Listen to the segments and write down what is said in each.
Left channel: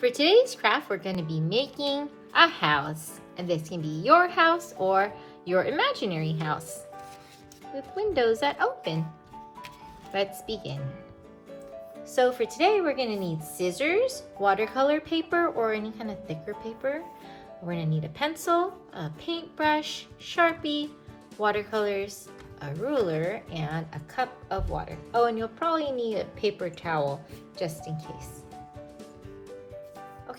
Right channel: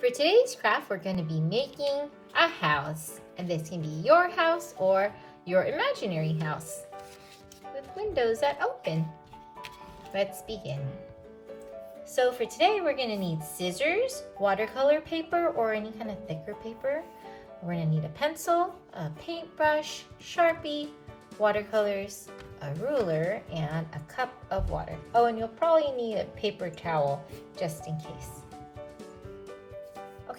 For today's craft, we're going to be making a house. And this can be your house or your imaginary house with windows that open. Let's begin. So for today, we're going to need scissors, watercolor paper, or any kind of thicker paper. We're going to need a pencil, a paintbrush, Sharpie, watercolors, a ruler, and a cup of water. Oh, and you'll probably need a paper towel just in case.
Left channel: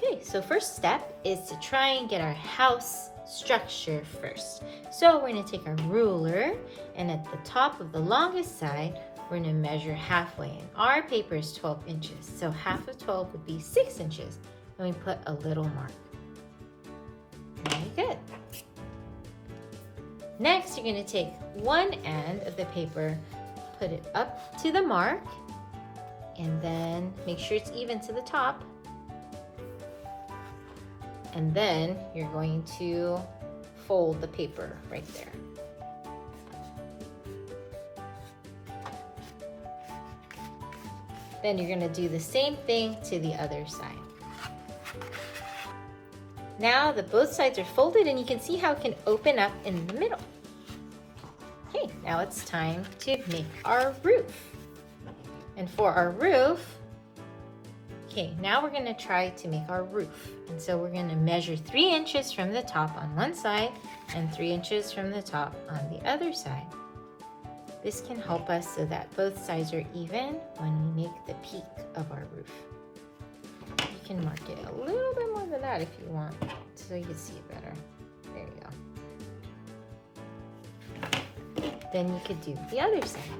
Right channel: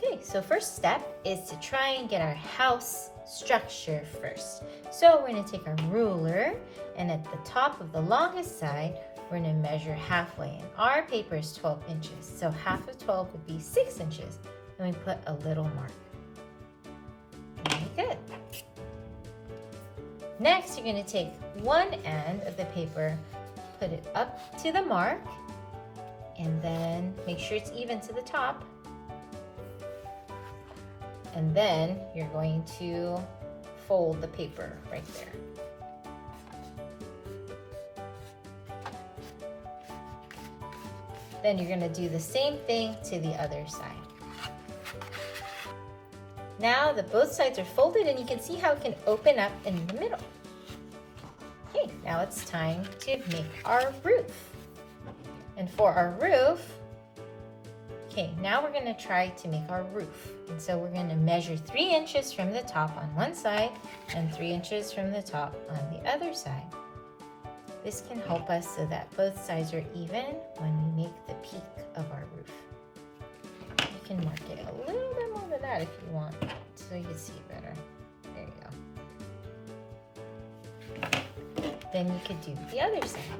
Okay, so first step is to try and get our house structure first. So we're going to take our ruler, and at the top of the longest side, we're going to measure halfway. And our paper is 12 inches, so half of 12 would be 6 inches. And we put a little mark. Very good. Next, you're going to take one end of the paper, put it up to the mark, and then make sure it's even to the top. And then you're going to fold the paper right there. Then you're going to do the same thing to the other side. Now that both sides are folded, and you can see how it can open up in the middle. Okay, now it's time to make our roof. And for our roof, okay, now we're going to try to make our roof. And so we're going to measure 3 inches from the top on one side and 3 inches from the top on the other side. This can help us so that both sides are even when we make the peak of our roof. You can mark it a little bit more than that if you want, so you can see it better. There you go. Then you could do the other side.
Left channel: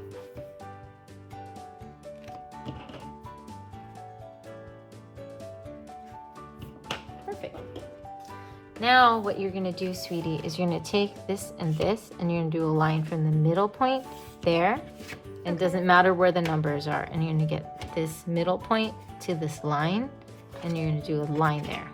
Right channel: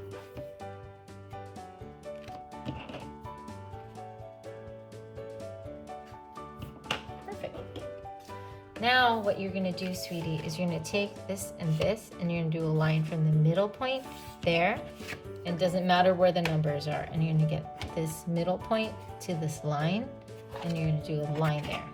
Perfect. Now what you're going to do, sweetie, is you're going to take this, and you're going to do a line from the middle point there. And it doesn't matter where the numbers are. And you're going to get this middle point to this line, and you're going to do a line there.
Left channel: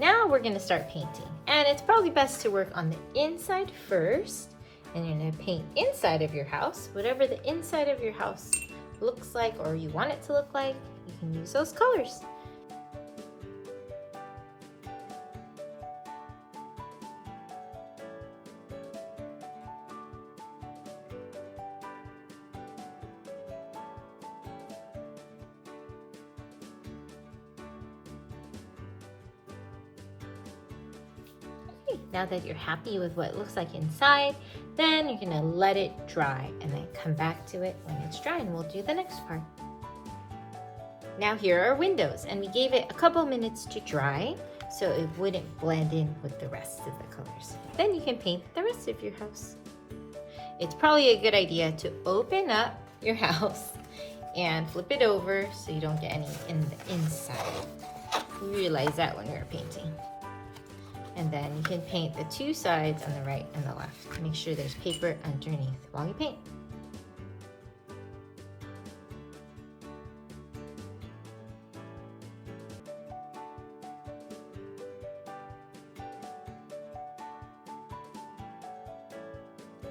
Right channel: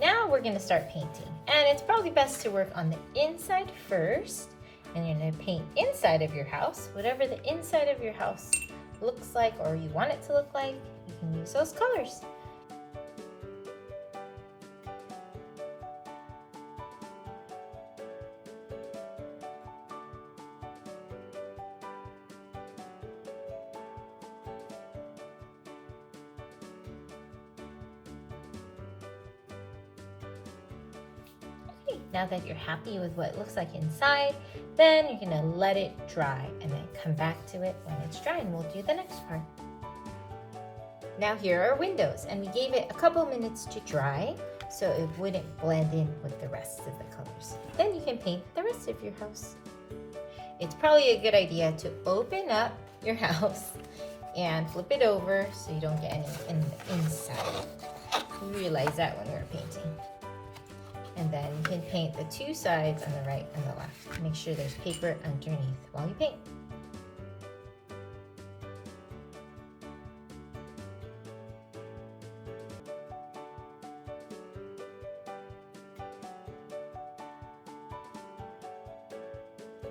Now we're going to start painting. And it's probably best to work on the inside first. And you're going to paint inside of your house. Whatever the inside of your house looks like, or you want it to look like, you can use those colors. Now that you're happy with what it looks like inside, then you're going to let it dry and then come back to it when it's dry, and we'll do the next part. Now here are windows, and we gave it a couple minutes to dry so it wouldn't blend in with the rest of the colors. Then you can paint the rest of your house. It's probably a good idea to open up your house and flip it over so you don't get any in the inside. Realize that when you're painting. And then you can paint the two sides on the right and the left. Make sure there's paper underneath while you paint.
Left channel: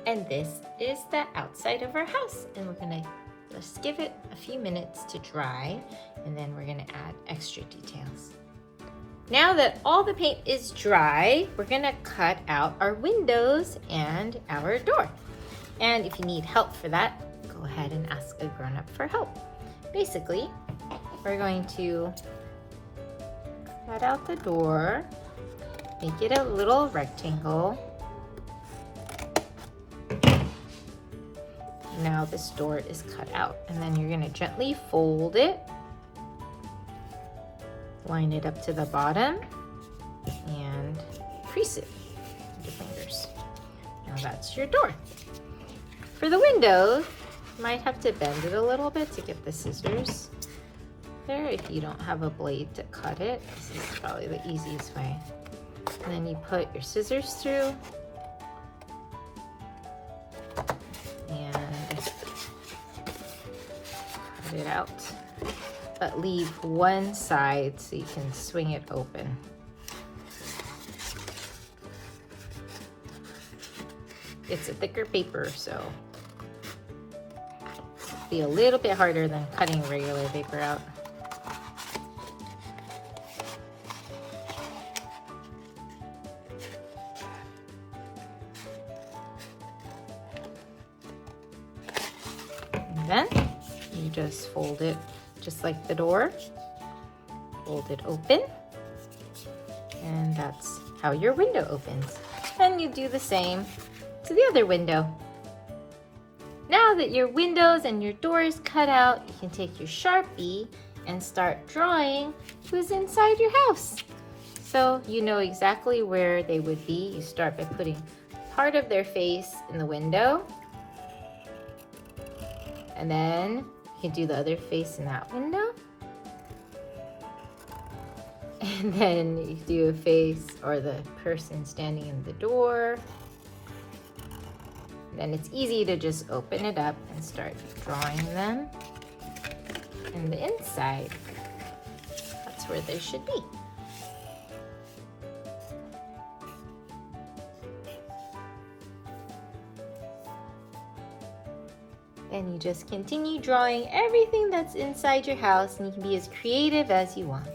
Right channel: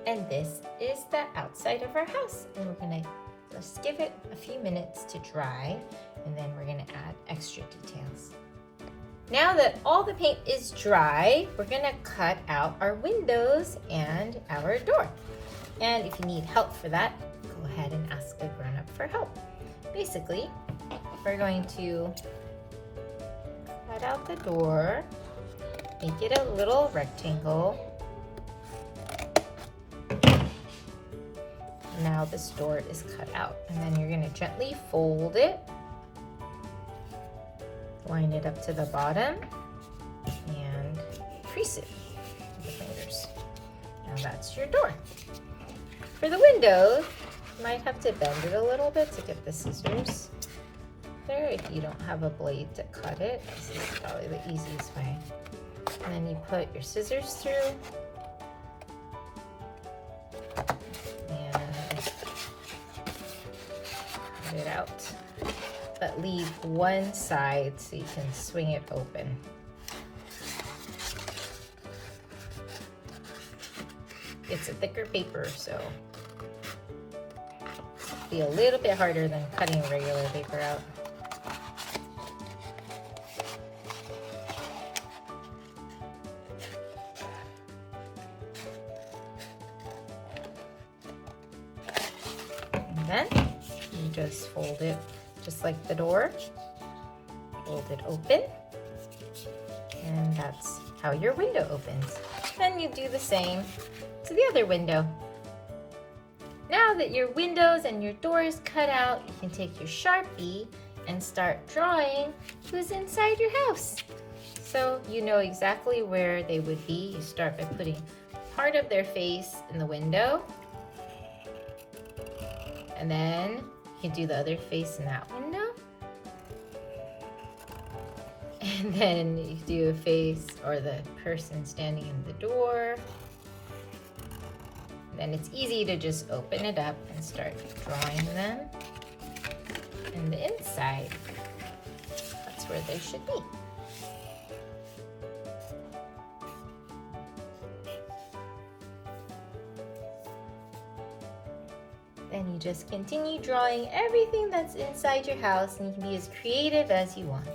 And this is the outside of our house. And we're gonna just give it a few minutes to dry, and then we're gonna add extra details. Now that all the paint is dry, we're gonna cut out our windows and our door. And if you need help for that, go ahead and ask a grown-up for help. Basically, we're going to cut out the door, make it a little rectangle. Now this door is cut out, and then you're gonna gently fold it. Line it up to the bottom and crease it with your fingers. Now that's your door. For the windows, you might have to bend it a little bit to get the scissors there if you don't have a blade to cut it. This is probably the easiest way. And then you put your scissors through and cut it out. But leave one side so you can swing it open. It's a thicker paper, so it'll be a little bit harder than cutting regular paper out. And then you just fold it just like the door. Fold it open. And that's how your window opens. And you do the same to the other window. Now that your windows and your doors cut out, you can take your Sharpie and start drawing who's inside your house. So you know exactly where they would be. You start by putting part of their face in the window. And then you can do the other face in that window. And then you do a face or the person standing in the door. Then it's easy to just open it up and start drawing them. And the inside, that's where they should be. Then you just continue drawing everything that's inside your house, and you can be as creative as you want.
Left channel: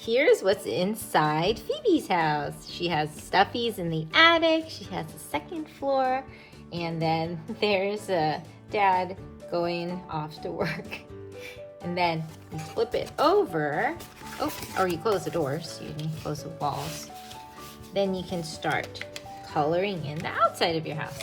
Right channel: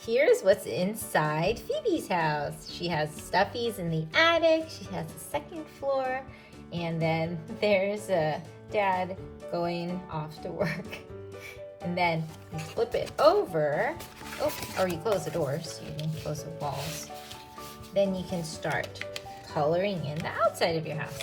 Here's what's inside Phoebe's house. She has stuffies in the attic, she has a second floor, and then there's a dad going off to work. And then you flip it over, or you close the doors, you can close the walls. Then you can start coloring in the outside of your house.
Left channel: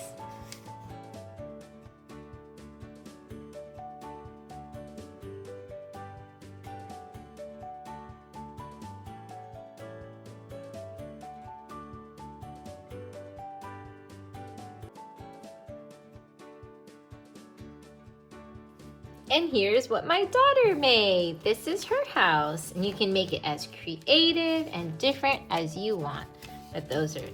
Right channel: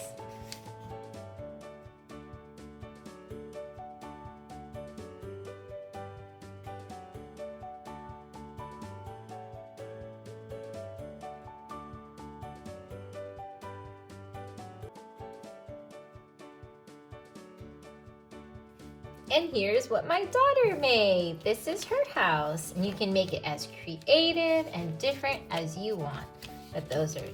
And here's what my daughter made. This is her house. And you can make it as creative and different as you want. But those are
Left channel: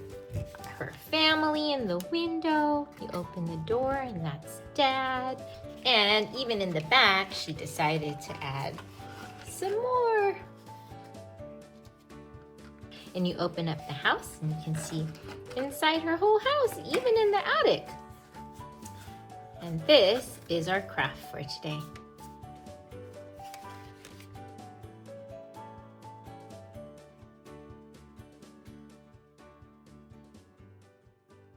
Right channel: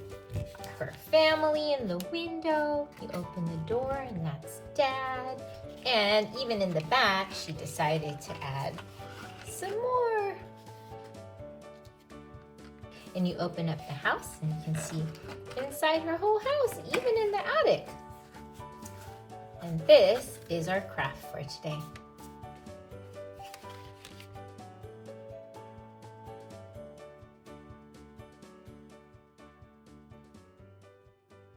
her family in the window. You open the door and that's Dad. And even in the back, she decided to add some more. And you open up the house and you can see inside her whole house, even in the attic. And this is our craft for today.